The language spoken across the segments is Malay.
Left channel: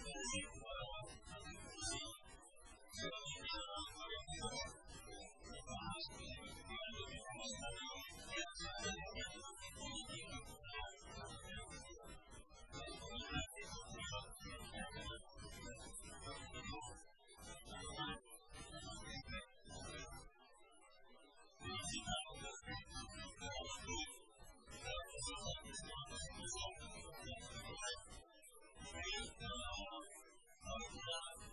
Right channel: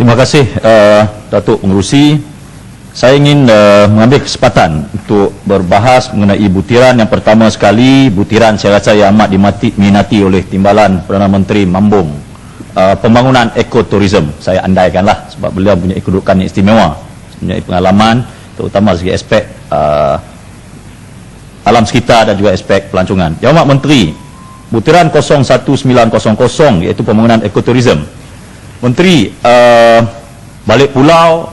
Terima kasih Datuk Pengerusi. Saya ingin mengambil kesempatan untuk berbahas mengenai butiran yang pertama sekali, butiran saya rasa yang amat diminati oleh Timbalan Perdana Menteri Mambung, pembangunan ekoturism. Saya andaikanlah sebab beliau punya kedudukan yang istimewa, punya pengalaman terutama segi aspek alam sekitar dan juga aspek pelancongan. Yang Amat Menteri, butiran 01900 iaitu pembangunan ekoturism. Menteri, balik pulau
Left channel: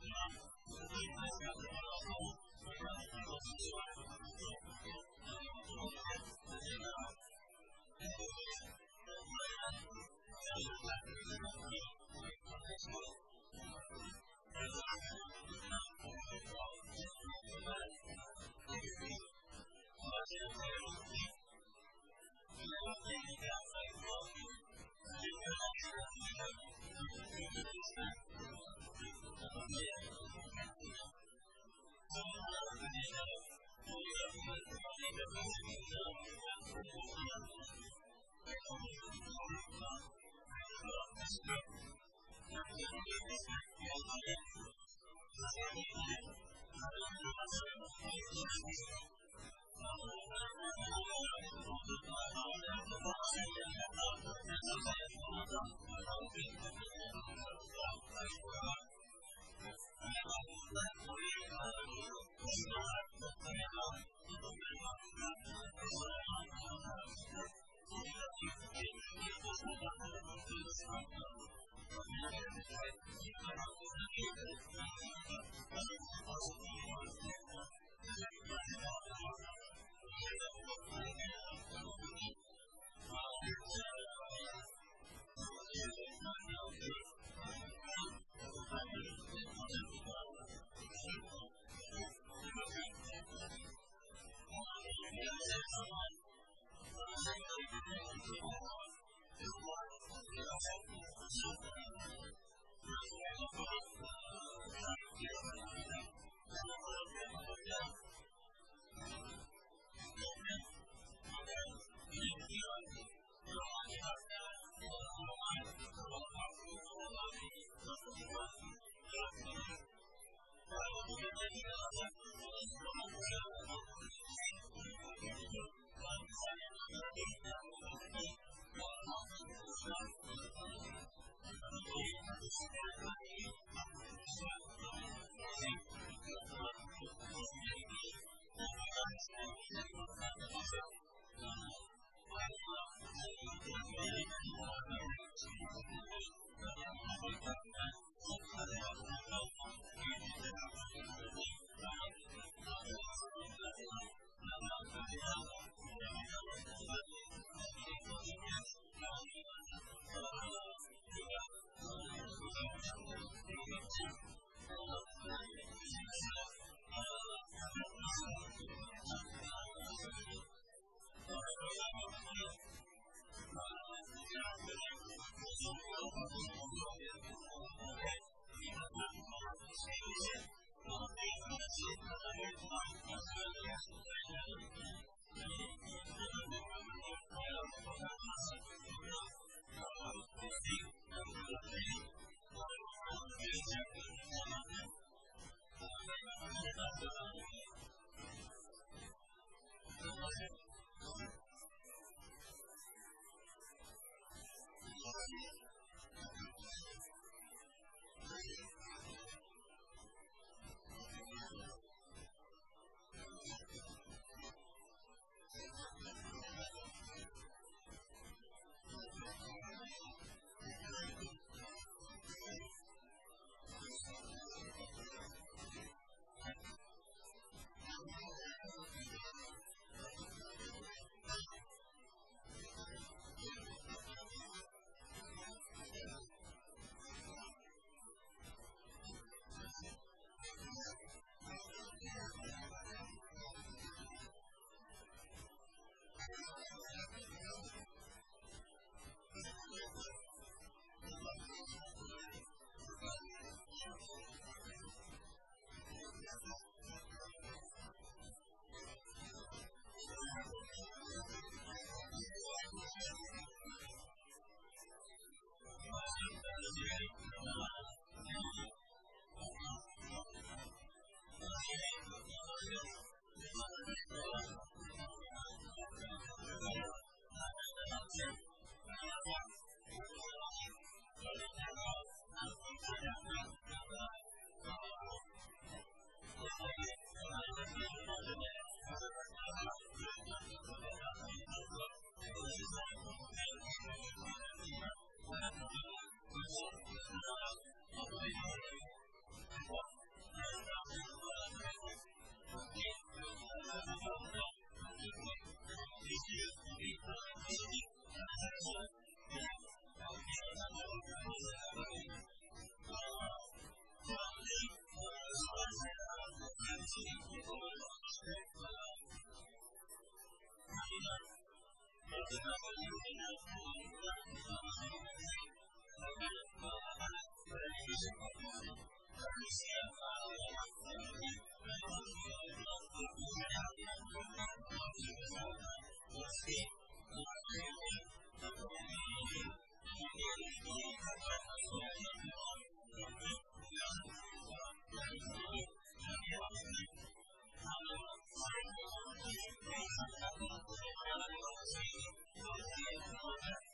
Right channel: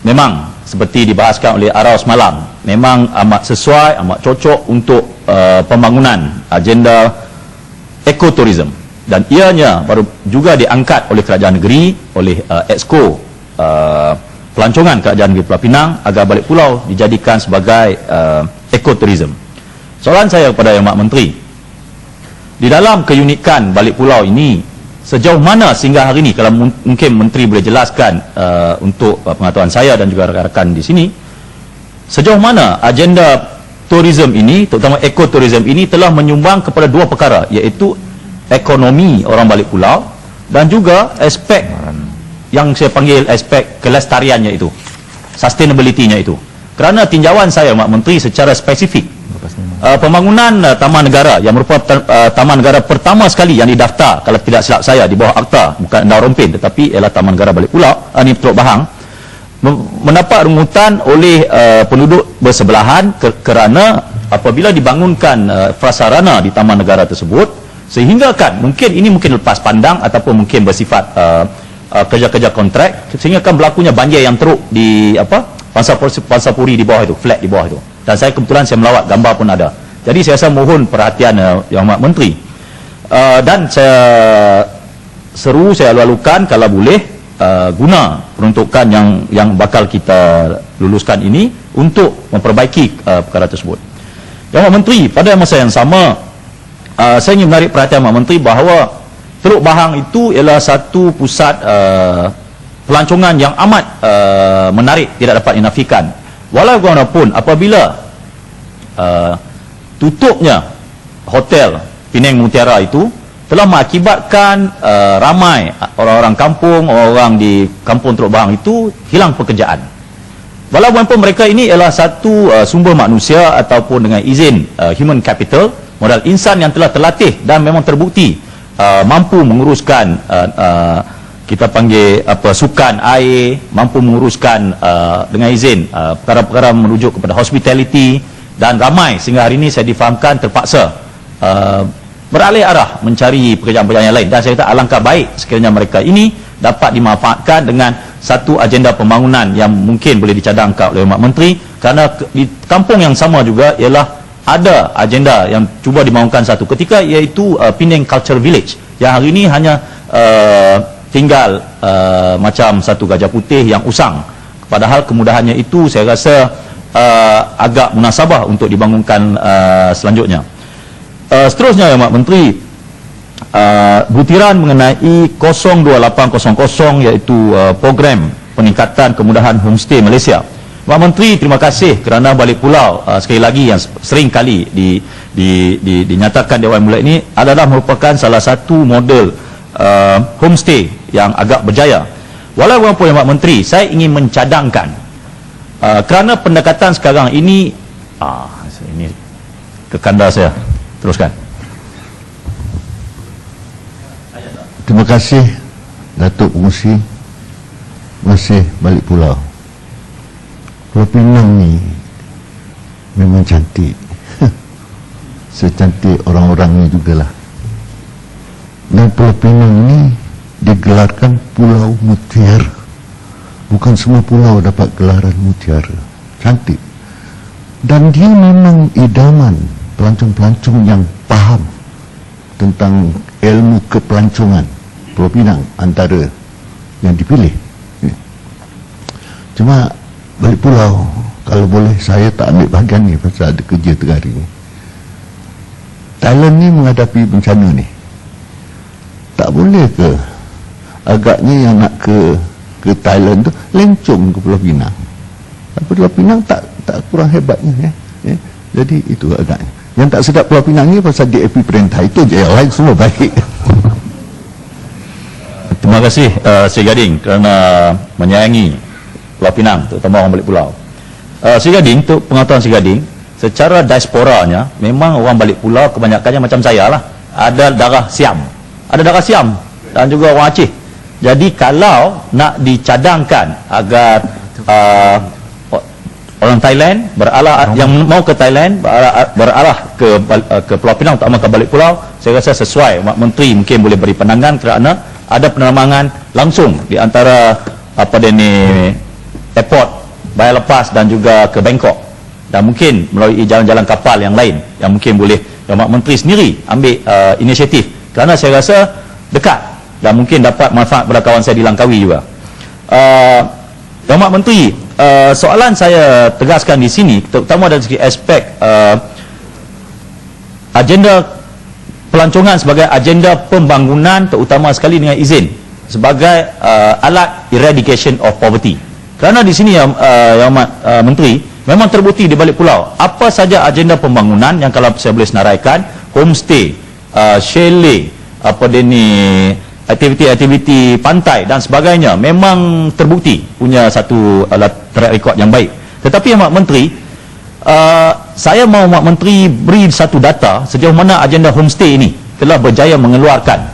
memang seperti dibahaskan oleh Arau semalam, memang amat sesuai, amat cocok untuk pembangunan agenda ekoturism, dan ianya baru juga diangkat oleh kerajaan negeri, oleh Exco pelancongan kerajaan negeri Pulau Pinang agar balik pulau dijadikan sebagai ekoturism. Soalan saya kepada Yang Amat Menteri, di dalam keunikan balik pulau ini, sejauh mana sehingga hari ini, kalau mungkin Menteri boleh jelaskan untuk pengetahuan saya dan juga rakan-rakan di sini, sejauh mana agenda tourism ini, terutama ekoturism ini, telah menyumbang kepada dua perkara, iaitu ekonomi orang balik pulau dan juga aspek yang saya panggil aspek kelestariannya itu, sustainability-nya itu. Kerana tinjauan saya, Mak Menteri, secara spesifik, pembangunan taman negara yang merupakan taman negara pertama sekali yang didaftar, kalau tidak silap saya, di bawah Akta, bukan Endau Rompin tetapi ialah Taman Negara Balik Pulau, ini Teluk Bahang, mendapat rungutan oleh penduduk bersebelahan kerana apabila dibangunkan prasarana di taman negara tersebut, sehingga kan mungkin lepas pandang ataupun mungkin bersifat kerja-kerja kontrak, sehingga kan berlakunya banjir yang teruk di Pansapuri di bawah itu, flat di bawah itu. Dan saya kebetulan saya melawat, gambar pun ada. Jadi saya rasa mohon perhatian Yang Amat Menteri. Dan saya seru, saya lalukan kalau boleh guna peruntukan yang bakal kita luluskan ini untuk memperbaiki perkara tersebut. Yang Amat Menteri, pada masa yang sama, saya ingin menarik perhatian Yang Amat Menteri bahawa Teluk Bahang itu ialah satu pusat pelancongan yang amat menarik, tidak dapat dinafikan. Walaupun apabila tutupnya hotel Penang Mutiara itu telah mengakibatkan ramai orang-orang kampung, orang di kampung Teluk Bahang itu hilang pekerjaan. Walaupun mereka ini ialah satu sumber manusia ataupun dengan izin human capital, modal insan yang telah terlatih dan memang terbukti mampu menguruskan kita panggil sukan air, mampu menguruskan dengan izin perkara-perkara merujuk kepada hospitality, dan ramai sehingga hari ini saya difahamkan terpaksa beralih arah mencari pekerjaan-pekerjaan yang lain. Dan saya kata alangkah baik sekiranya mereka ini dapat dimanfaatkan dengan satu agenda pembangunan yang mungkin boleh dicadangkan oleh Mak Menteri, kerana di kampung yang sama juga ialah ada agenda yang cuba dibangunkan satu ketika, iaitu Penang Culture Village, yang hari ini hanya tinggal macam satu gajah putih yang usang. Padahal kemudahannya itu saya rasa agak munasabah untuk dibangunkan selanjutnya. Seterusnya Yang Mak Menteri, butiran mengenai 02800 iaitu program peningkatan kemudahan homestay Malaysia. Mak Menteri, terima kasih kerana balik pulau sekali lagi yang sering kali dinyatakan di awal mula ini adalah merupakan salah satu model homestay yang agak berjaya. Walaupun Yang Mak Menteri, saya ingin mencadangkan kerana pendekatan sekarang ini ini kekanda saya. Teruskan. Terima kasih Datuk Pengerusi. Masih balik pulau. Pulau Pinang ni memang cantik. Secantik orang-orang ni jugalah. Dan Pulau Pinang ni digelarkan Pulau Mutiara. Bukan semua pulau dapat gelaran mutiara. Cantik. Dan dia memang idaman pelancong-pelancong yang faham tentang ilmu kepelancongan. Pulau Pinang antara yang dipilih. Cuma balik pulau, kalau boleh saya tak ambil bahagian ni pasal ada kerja tengah hari ni. Thailand ni menghadapi bencana ni. Tak boleh ke agaknya yang nak ke Thailand tu lencong ke Pulau Pinang? Pulau Pinang tak kurang hebatnya ya. Jadi itu agaknya. Yang tak sedap Pulau Pinang ni pasal DAP perintah, itu je, yang lain semua baik. Terima kasih Sri Gading kerana menyayangi Pulau Pinang, terutama orang balik pulau. Sri Gading, untuk pengetahuan Sri Gading, secara diasporanya memang orang balik pulau kebanyakannya macam saya lah, ada darah Siam, dan juga orang Aceh. Jadi kalau nak dicadangkan agar orang Thailand yang mau ke Thailand berarah ke Pulau Pinang, terutama ke balik pulau, saya rasa sesuai. Mak Menteri mungkin boleh beri pandangan kerana ada penerbangan langsung di antara airport Bayar Lepas dan juga ke Bangkok, dan mungkin melalui jalan-jalan kapal yang lain yang mungkin boleh Mak Menteri sendiri ambil inisiatif, kerana saya rasa dekat dan mungkin dapat manfaat pada kawan saya di Langkawi juga. Mak Menteri, soalan saya tegaskan di sini terutama dari segi aspek agenda pelancongan sebagai agenda pembangunan, terutama sekali dengan izin sebagai alat eradication of poverty. Kerana di sini Yang Menteri, memang terbukti di balik pulau apa saja agenda pembangunan yang kalau saya boleh senaraikan, homestay, chalet, aktiviti-aktiviti pantai dan sebagainya, memang terbukti punya satu track record yang baik. Tetapi Mak Menteri, saya mahu Mak Menteri beri satu data sejauh mana agenda homestay ini telah berjaya mengeluarkan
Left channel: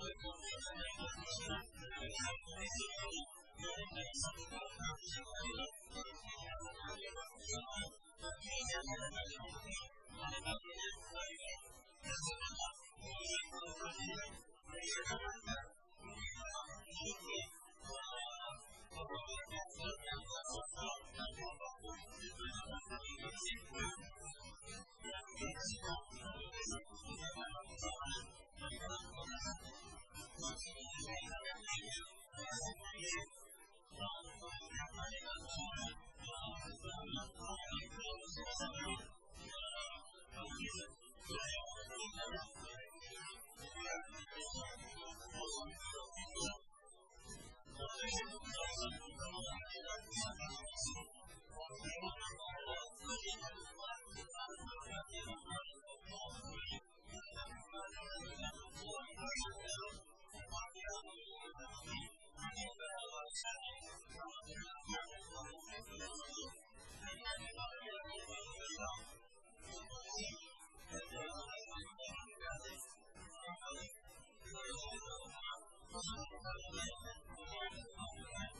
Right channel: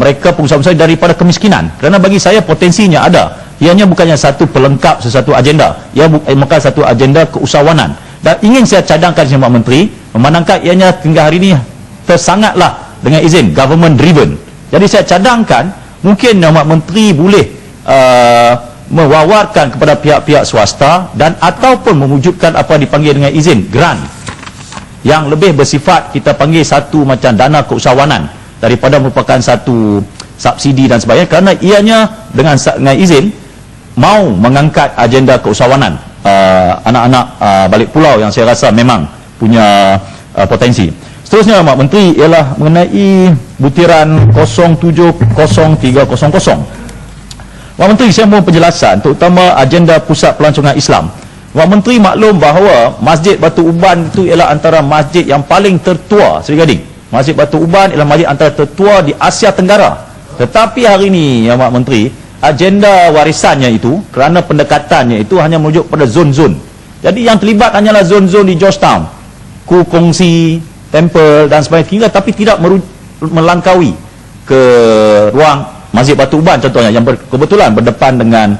mereka pengusaha-pengusaha daripada kemiskinan. Kerana bagi saya potensinya ada, ianya bukannya satu pelengkap sesuatu agenda, ia bukan satu agenda keusahawanan. Dan ingin saya cadangkan dengan Mak Menteri, memandangkan ianya hingga hari ini tersangatlah dengan izin government driven. Jadi saya cadangkan mungkin Mak Menteri boleh mewawarkan kepada pihak-pihak swasta dan ataupun mewujudkan apa dipanggil dengan izin grant yang lebih bersifat, kita panggil satu macam dana keusahawanan daripada merupakan satu subsidi dan sebagainya, kerana ianya dengan izin mau mengangkat agenda keusahawanan anak-anak balik pulau yang saya rasa memang punya potensi. Seterusnya Mak Menteri ialah mengenai butiran 070300. Mak Menteri, saya mohon penjelasan terutama agenda pusat pelancongan Islam. Mak Menteri maklum bahawa Masjid Batu Uban itu ialah antara masjid yang paling tertua, Sri Gading. Masjid Batu Uban ialah masjid antara tertua di Asia Tenggara. Tetapi hari ini ya Mak Menteri, agenda warisannya itu, kerana pendekatannya itu hanya merujuk pada zon-zon. Jadi yang terlibat hanyalah zon-zon di Georgetown, Kongsi, Temple dan sebagainya, tapi tidak melangkaui ke ruang Masjid Batu Uban contohnya yang kebetulan berdepan dengan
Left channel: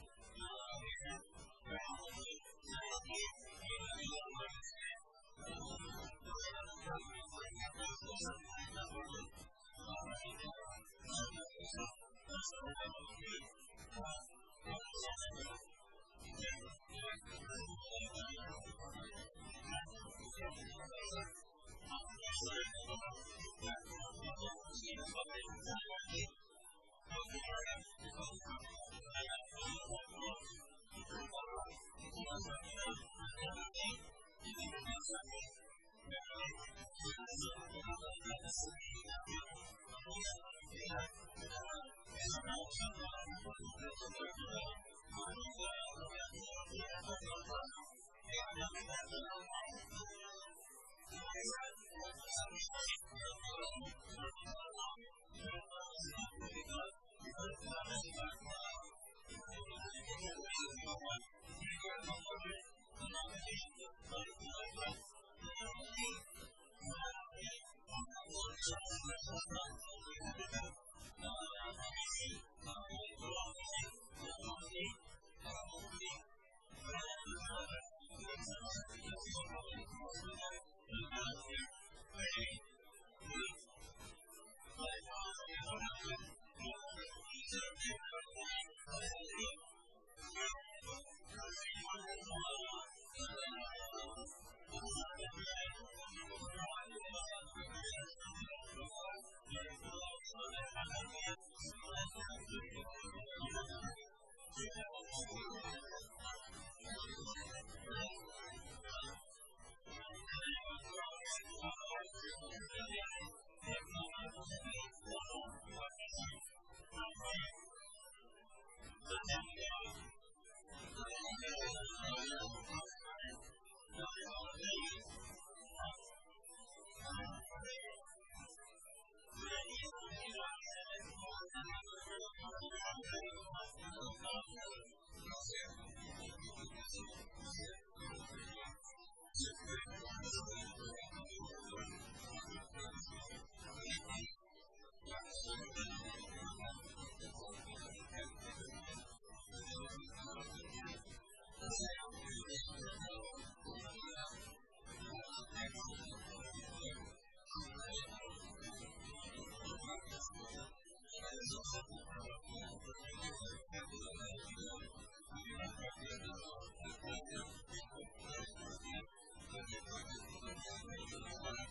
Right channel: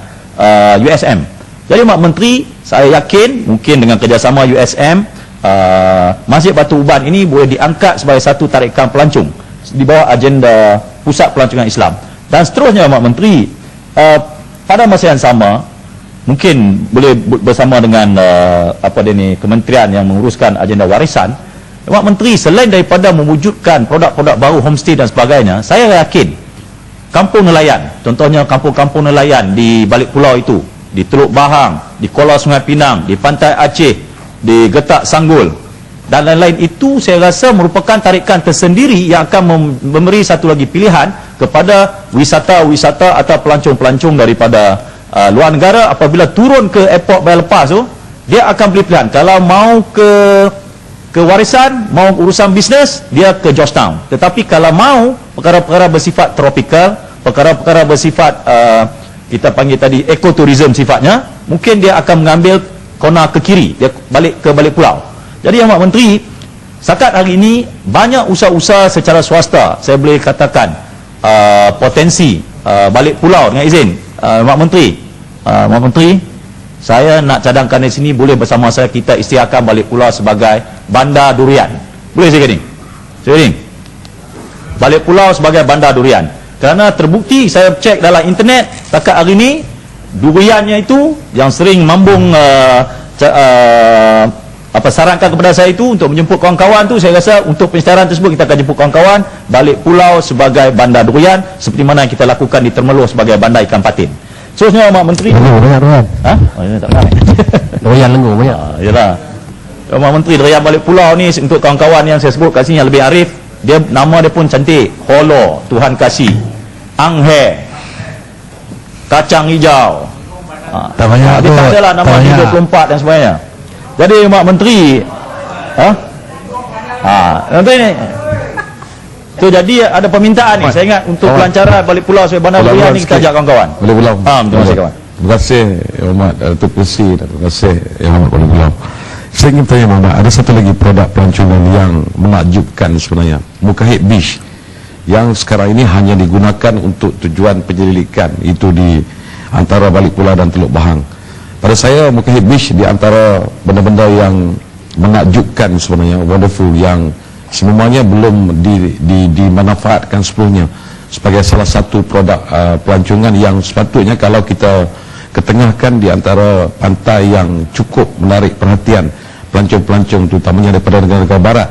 USM. Jadi Mak Menteri, saya yakin mungkin dengan kerjasama USM, Masjid Batu Uban ini boleh diangkat sebagai satu tarikan pelancong di bawah agenda pusat pelancongan Islam. Dan seterusnya Mak Menteri, pada masa yang sama mungkin boleh bersama dengan kementerian yang menguruskan agenda warisan, Mak Menteri selain daripada mewujudkan produk-produk baru homestay dan sebagainya, saya yakin kampung nelayan, contohnya kampung-kampung nelayan di balik pulau itu, di Teluk Bahang, di Kuala Sungai Pinang, di Pantai Aceh, di Getak Sanggul dan lain-lain, itu saya rasa merupakan tarikan tersendiri yang akan memberi satu lagi pilihan kepada wisata-wisata atau pelancong-pelancong daripada luar negara. Apabila turun ke airport Bayar Lepas tu, dia akan beli pilihan. Kalau mau ke warisan, mau urusan bisnes, dia ke Georgetown. Tetapi kalau mau perkara-perkara bersifat tropikal, perkara-perkara bersifat kita panggil tadi ekoturism sifatnya, mungkin dia akan mengambil kona ke kiri, dia balik ke balik pulau. Jadi yang Mak Menteri, setakat hari ini banyak usaha-usaha secara swasta, saya boleh katakan potensi balik pulau dengan izin. Mak Menteri, saya nak cadangkan di sini, boleh bersama saya kita isytiharkan balik pulau sebagai bandar durian. Boleh saya kata ni? Balik pulau sebagai bandar durian. Kerana terbukti, saya cek dalam internet, setakat hari ini duriannya itu yang sering mambung sarankan kepada saya itu untuk menjemput kawan-kawan tu, saya rasa untuk penyiaran tersebut kita akan jemput kawan-kawan balik pulau sebagai bandar durian, seperti mana yang kita lakukan di Termeloh sebagai bandar ikan patin. Seterusnya Mak Menteri, banyak durian. Ha? Oh, ya, tak ramai. Durian lengur banyak. Yalah. Mak Menteri, durian balik pulau ni untuk kawan-kawan yang saya sebut kat sini yang lebih arif, dia nama dia pun cantik. Holo, Tuhan kasih. Anghe, kacang hijau. Tak banyak dia tak adalah nama dia 24 dan sebagainya. Jadi Mak Menteri, Menteri ni, Tu jadi ada permintaan ni. Saya ingat untuk pelancaran balik pulau sebagai bandar berian ni kita ajak kawan-kawan. Boleh pulau. Terima kasih kawan. Terima kasih Yang Hormat Datuk Kursi dan terima kasih Yang Hormat Boleh Pulau. Saya ingin tanya Muhammad, ada satu lagi produk pelancongan yang menakjubkan sebenarnya, Mukahid Beach, yang sekarang ini hanya digunakan untuk tujuan penyelidikan, itu di antara Balik Pulau dan Teluk Bahang. Pada saya Mukahid Beach di antara benda-benda yang menakjubkan sebenarnya, wonderful, yang semuanya belum dimanfaatkan sepenuhnya sebagai salah satu produk pelancongan yang sepatutnya kalau kita ketengahkan di antara pantai yang cukup menarik perhatian pelancong-pelancong terutamanya daripada negara-negara barat,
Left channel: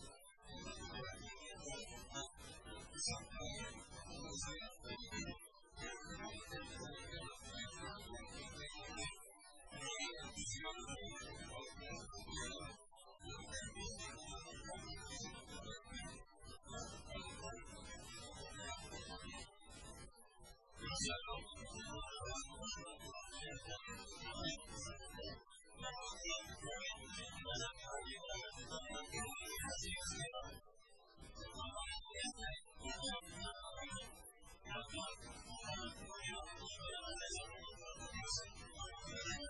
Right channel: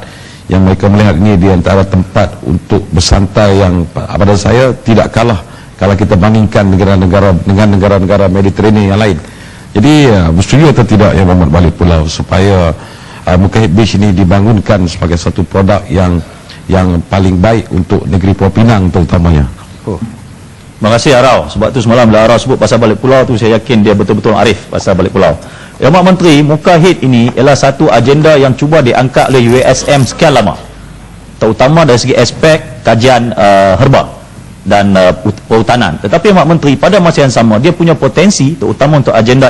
yang mereka melihat ini di antara tempat untuk bersantai yang pada saya tidak kalah kalau kita bandingkan negara-negara dengan negara-negara Mediterranean yang lain. Jadi bersetuju atau tidak Yang Hormat Balik Pulau supaya Mukahid Beach ini dibangunkan sebagai satu produk yang paling baik untuk negeri Pulau Pinang terutamanya. Terima kasih Arau. Sebab tu semalam bila Arau sebut pasal Balik Pulau tu, saya yakin dia betul-betul arif pasal Balik Pulau. Yang Mak Menteri, Mukahid ini ialah satu agenda yang cuba diangkat oleh USM sekian lama, terutama dari segi aspek kajian herba dan perhutanan. Tetapi Mak Menteri pada masa yang sama dia punya potensi terutama untuk agenda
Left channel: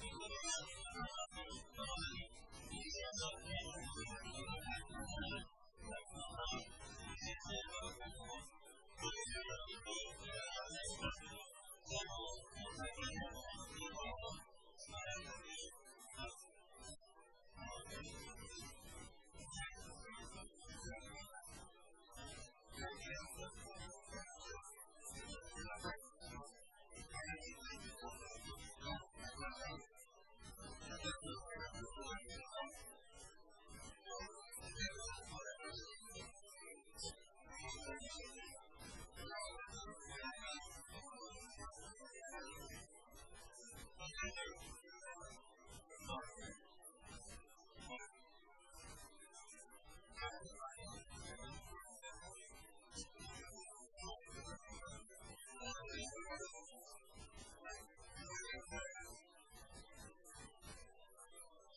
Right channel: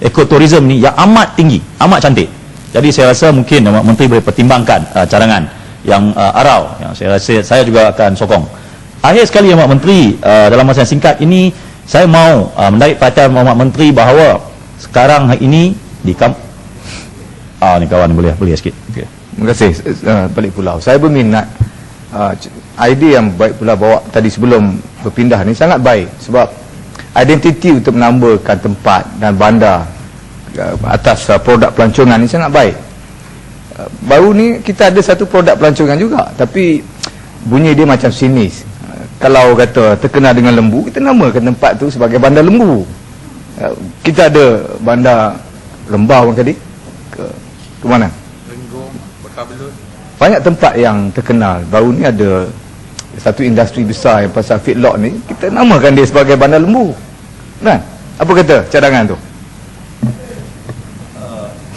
ekoturism ni yang amat tinggi, amat cantik. Jadi saya rasa mungkin Mak Menteri boleh pertimbangkan carangan yang Arau, yang saya rasa saya juga akan sokong. Akhir sekali Mak Menteri, dalam masa yang singkat ini saya mau menarik perhatian Mak Menteri bahawa sekarang ini di ni kawan boleh sikit. Okay. Terima kasih Balik Pulau. Saya berminat idea yang Balik Pulau bawa tadi sebelum berpindah ni sangat baik, sebab identiti untuk menambahkan tempat dan bandar atas produk pelancongan ni sangat baik. Baru ni kita ada satu produk pelancongan juga, tapi bunyi dia macam sinis. Kalau kata terkenal dengan lembu, kita namakan tempat tu sebagai bandar lembu. Kita ada bandar Lembau tadi ke mana? Lenggong, Bekabelut. Banyak tempat yang terkenal. Baru ni ada satu industri besar yang pasal feedlot ni, kita namakan dia sebagai bandar lembu. Kan? Apa kata cadangan tu?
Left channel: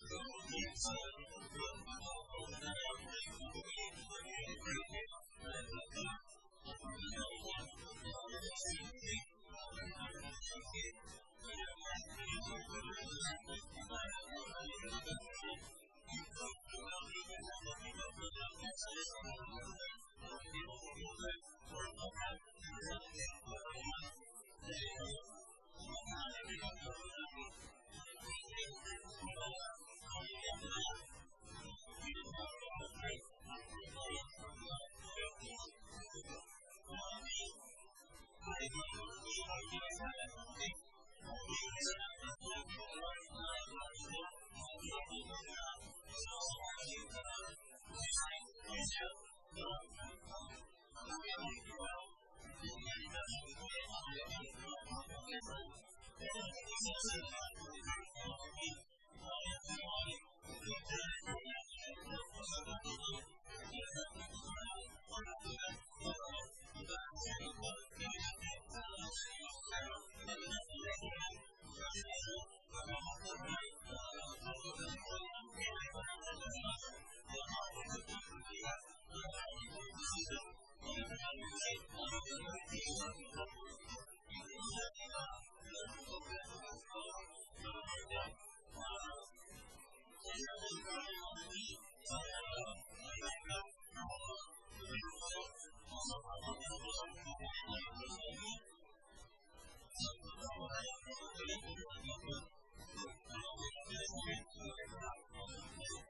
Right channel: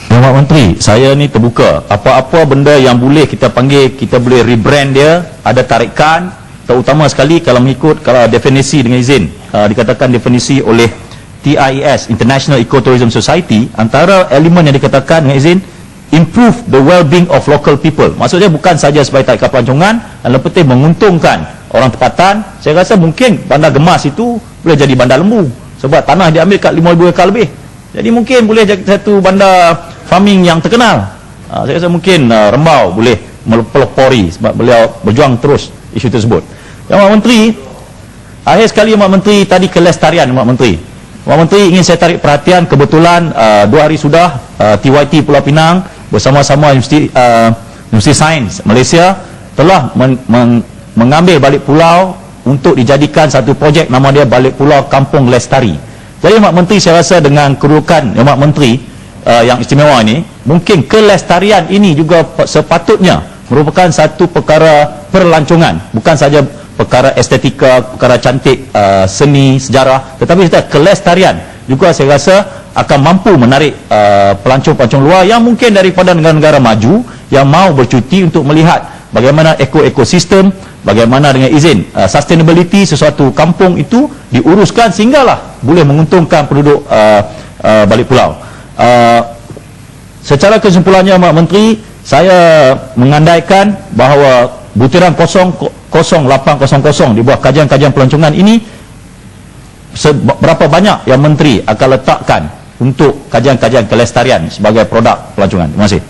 Mak Menteri, saya ni terbuka. Apa-apa benda yang boleh kita panggil, kita boleh rebrand dia, ada tarikan, terutama sekali kalau mengikut kalau definisi dengan izin, dikatakan definisi oleh TIES, International Ecotourism Society, antara elemen yang dikatakan dengan izin improve the well-being of local people. Maksudnya bukan saja sebagai tarikan pelancongan, dan lebih penting menguntungkan orang tempatan. Saya rasa mungkin bandar Gemas itu boleh jadi bandar lembu, sebab tanah dia ambil kat 5,000 ekar lebih. Jadi mungkin boleh jadi satu bandar farming yang terkenal. Saya rasa mungkin Rembau boleh melopori sebab beliau berjuang terus isu tersebut. Yang Mak Menteri, akhir sekali Mak Menteri tadi kelestarian Mak Menteri. Mak Menteri ingin saya tarik perhatian, kebetulan 2 hari sudah TYT Pulau Pinang bersama-sama Universiti Sains Malaysia telah mengambil Balik Pulau untuk dijadikan satu projek, nama dia Balik Pulau Kampung Lestari. Jadi Mak Menteri, saya rasa dengan kedudukan Mak Menteri yang istimewa ini, mungkin kelestarian ini juga sepatutnya merupakan satu perkara perlancongan, bukan saja perkara estetika, perkara cantik, seni, sejarah, tetapi kita kelestarian juga saya rasa akan mampu menarik pelancong-pelancong luar yang mungkin daripada negara-negara maju yang mau bercuti untuk melihat bagaimana ekosistem, bagaimana dengan izin sustainability sesuatu kampung itu diuruskan sehinggalah boleh menguntungkan penduduk Balik Pulau. Secara kesimpulannya Mak Menteri, saya mengandaikan bahawa butiran 0800 di bawah kajian-kajian pelancongan ini, berapa banyak yang Menteri akan letakkan untuk kajian-kajian kelestarian sebagai produk pelancongan. Terima kasih.